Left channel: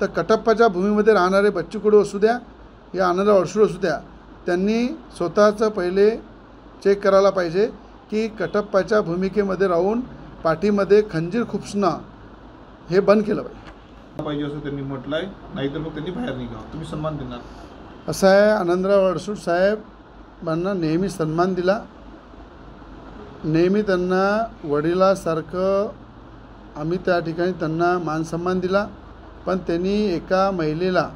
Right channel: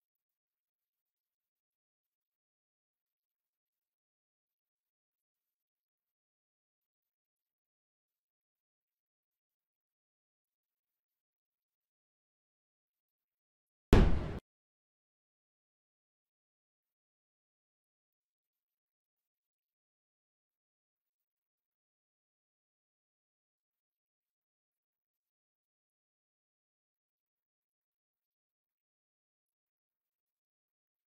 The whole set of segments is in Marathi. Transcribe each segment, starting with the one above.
तर कटप्पाच्या भूमीमध्ये राहणारे बच्चू कडू असू द्या या आनंदराव अडसूळ असू द्या, त्यांनी स्वतःचं पहिले चेक करायला पाहिजे की कटप्पाच्या भूमिकेमध्ये राहून पाठीमध्ये खंजीर खुपसणं हे बंद केलं पाहिजे असं त्यांनी म्हटलं आहे. नाहीतर मग त्यांनी बाहेर निघावं. तुम्ही सन्मान देणार? असं आहे, आनंदराव अडसूळ साहेबांना नेहमी सन्मान दिला, नेहमी त्यांना वडिलासारखं आम्ही त्या ठिकाणी त्यांना मानसन्मान दिला. पण त्यांनी एका महिलेला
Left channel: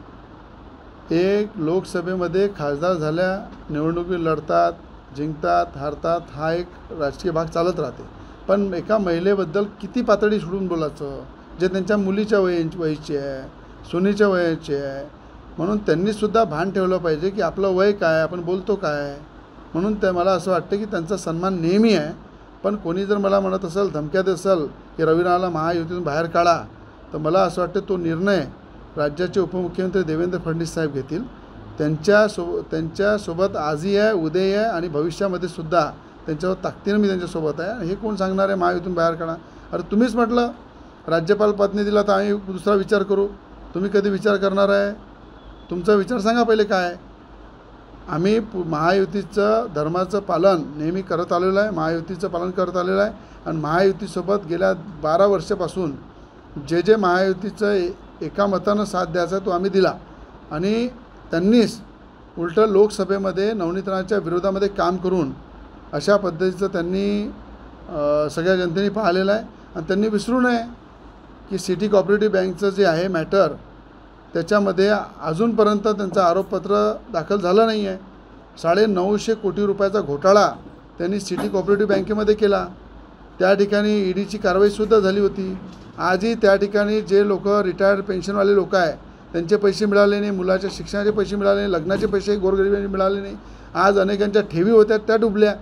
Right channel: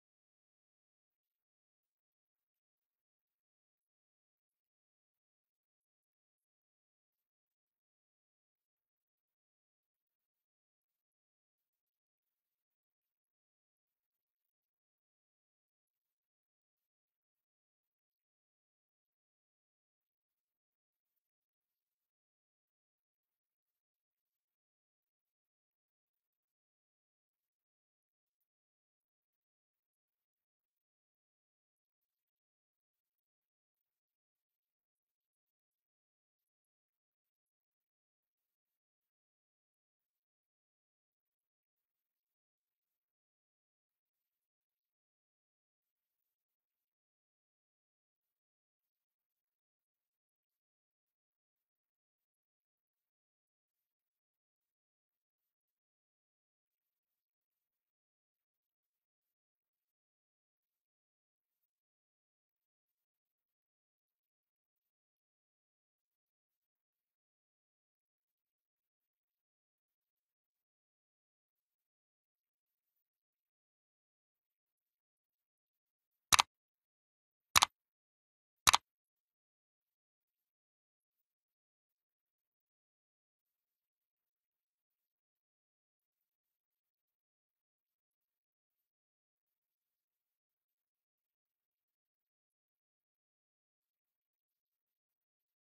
एक लोकसभेमध्ये खासदार झाल्या, निवडणुकी लढतात, जिंकतात, हारतात, हा एक राजकीय भाग चालत राहते. पण एका महिलेबद्दल किती पातळी सोडून बोलायचं, जे त्यांच्या मुलीच्या वयाची आहे, सुनीच्या वयाची आहे. म्हणून त्यांनीसुद्धा भान ठेवलं पाहिजे की आपलं वय काय, आपण बोलतो काय. म्हणून ते मला असं वाटतं की त्यांचा सन्मान नेहमी आहे. पण कोणी जर मला म्हणत असेल, धमक्या देत असेल की रविराला महायुतीतून बाहेर काढा, तर मला असं वाटतं तो निर्णय राज्याचे उपमुख्यमंत्री देवेंद्र फडणवीस साहेब घेतील. त्यांच्यासोबत आजही आहे, उद्याही आहे आणि भविष्यामध्ये सुद्धा त्यांच्यावर ताकदीनं मी त्यांच्यासोबत आहे. हे कोण सांगणार आहे महायुतीतून बाहेर काढा? अरे तुम्हीच म्हटलं राज्यपाल पत्नी दिला तर आम्ही दुसरा विचार करू. तुम्ही कधी विचार करणार आहे? तुमचा विचार सांगा पहिले काय. आम्ही महायुतीचं धर्माचं पालन नेहमी करत आलेलं आहे, महायुतीचं पालन करत आलेलं आहे. आणि महायुतीसोबत गेल्या 12 वर्षापासून जे महायुतीचं एका मतानं साथ द्यायचा तो आम्ही दिला. आणि त्यांनीच उलटं लोकसभेमध्ये नवनीतनाच्या विरोधामध्ये काम करून अशा पद्धतीचं त्यांनी सगळ्या जनतेने पाहिलेलं आहे. आणि त्यांनी विसरू नये की सिटी कोऑपरेटिव्ह बँकचं जे आहे मॅटर, त्याच्यामध्ये अजूनपर्यंत त्यांचं आरोपपत्र दाखल झालं नाही आहे. 950 कोटी रुपयाचा घोटाळा त्यांनी सिटी कोऑपरेटिव्ह बँकेमध्ये केला. त्या ठिकाणी ईडीची कारवाईसुद्धा झाली होती. आजही त्या ठिकाणी जे लोक रिटायर्ड पेन्शनवाले लोक आहे त्यांचे पैसे मिळाले नाही, मुलाच्या शिक्षणाचे पैसे मिळाले नाही, लग्नाचे पैसे गोरगरिबांना मिळाले नाही. आज अनेकांच्या ठेवी होत्या त्या डुबल्या.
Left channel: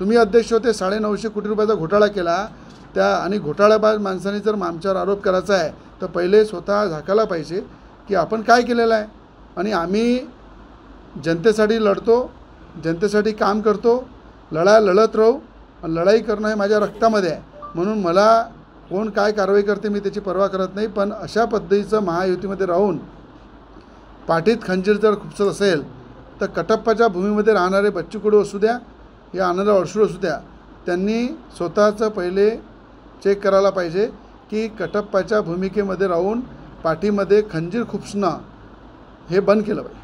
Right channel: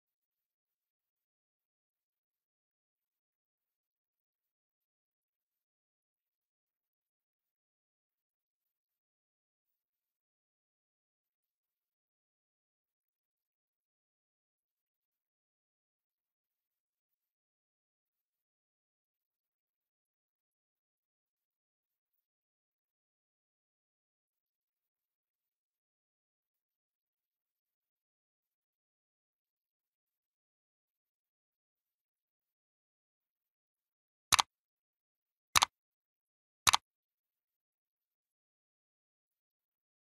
तुम्ही अध्यक्ष होते, 950 कोटी रुपयाचा घोटाळा केला त्या. आणि घोटाळाबाज माणसांनी जर आमच्यावर आरोप करायचा आहे तर पहिले स्वतः झाकायला पाहिजे की आपण काय केलेलं आहे. आणि आम्ही जनतेसाठी लढतो, जनतेसाठी काम करतो, लढत राहू. लढाई करणं हे माझ्या रक्तामध्ये आहे. म्हणून मला कोण काय कारवाई करते मी त्याची पर्वा करत नाही. पण अशा पद्धतीचं महायुतीमध्ये राहून पाठीत खंजीर जर खुपसत असेल तर कटप्पाच्या भूमीमध्ये राहणारे बच्चू कडू असू द्या या आनंदराव अडसूळ असू द्या, त्यांनी स्वतःचं पहिले चेक करायला पाहिजे की कटप्पाच्या भूमिकेमध्ये राहून पाठीमध्ये खंजीर खुपसणं हे बंद केलं पाहिजे.